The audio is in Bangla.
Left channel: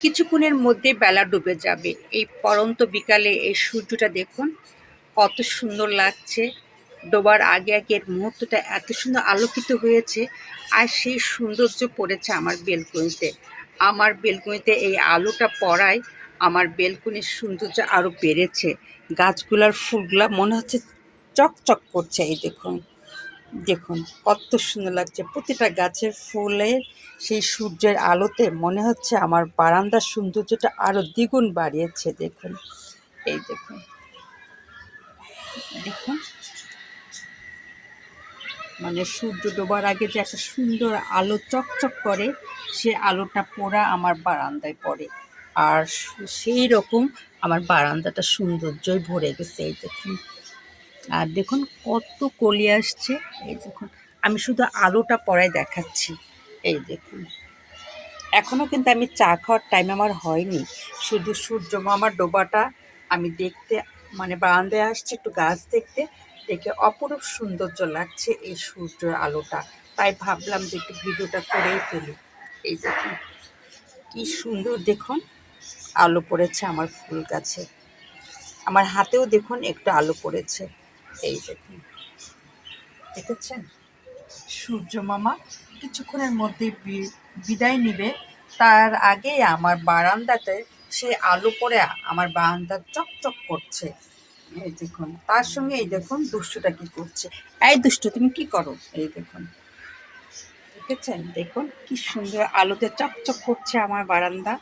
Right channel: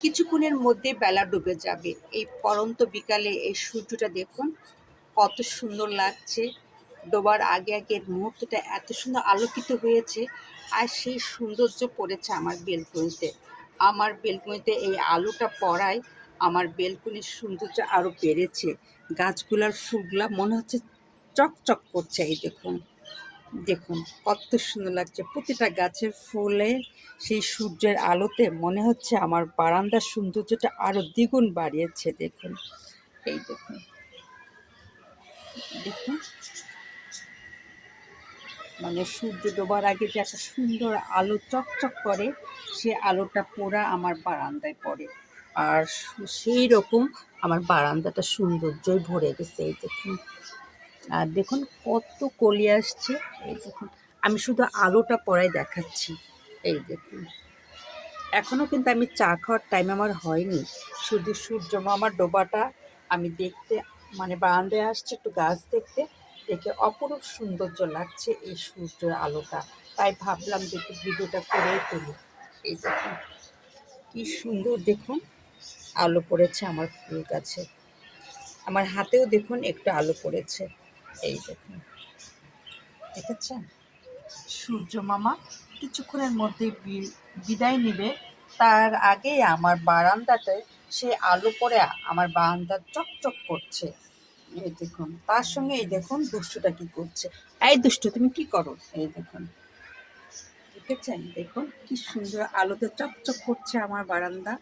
কিছুক্ষণের মধ্যে বেলা ডুবে যাবে। এই পড়ন্ত বিকালে এই সূর্যটা দেখুন কত সুন্দর লাগছে। ডোবার আগে আগে এর মুহূর্তটা এত সুন্দর আলোকিত হয়েছে, আর সেই সৌন্দর্য পড়েছে আমার বেলকনিতে। আমার বেলকনিতে এই আলোটা পড়ায় আমার বেলকনির সৌন্দর্য আরও বেড়েছে। গাছগুলার ফুলগুলা মনে হচ্ছে চকচক করছে। এই দেখুন, দেখুন কত সুন্দর লাগছে প্রতিটা গাছের ফুলের সেই সূর্যের আলোতে মনে হচ্ছে আমার বারান্দার সৌন্দর্যটা আরো দ্বিগুণ বাড়িয়েছে। দেখুন, এই দেখুন, দেখুন মানে সূর্য ডোবার আগে যে একটা সুন্দর আলো চকচক করে, সে আলোটা পোড়া আমার বারান্দায় পড়ে। আর সেই রকম আমার বারান্দাটা সৌন্দর্যই ভরে গেছে। এই দেখুন, আর দেখুন কত কলি আসছে। এই দেখুন, আমি শুধু আলোটা পড়ায় দেখাচ্ছি। এই দেখুন, এখনো কিন্তু আমি চা খাওয়ার টাইম আমার হয়নি। শুধু সূর্য মামার ডোবাটা আমি দেখতে, মানে বারান্দায় আসছি একটু গাছ দেখতে, দেখে অপরূপ সৌন্দর্য লাগছে এই সূর্যের আলোটা। তাই ভাবলাম যে একটু ভিডিওটা করেই ফেলি। এই দেখুন কি সুন্দর, দেখুন আলো পড়েছে আমার ফুল গাছে। আমার হাতেও দেখুন একটু আলো পড়েছে। এই দেখুন, দেখেছেন? সূর্য মামা কিছুক্ষণের মধ্যে বিদায় নিবে, তার আগে আমার বারান্দাতে সে আলো পড়ে আমার বারান্দা চকচক করছে। এই দেখুন, তার সঙ্গে এই দেখুন দুষ্টুটা কি করছে। এই দুষ্টু, তুমি কি করো? এই দেখুন, দেখেছেন? দেখুন কি সুন্দর আলোতে চকচক করছে আমার বারান্দা।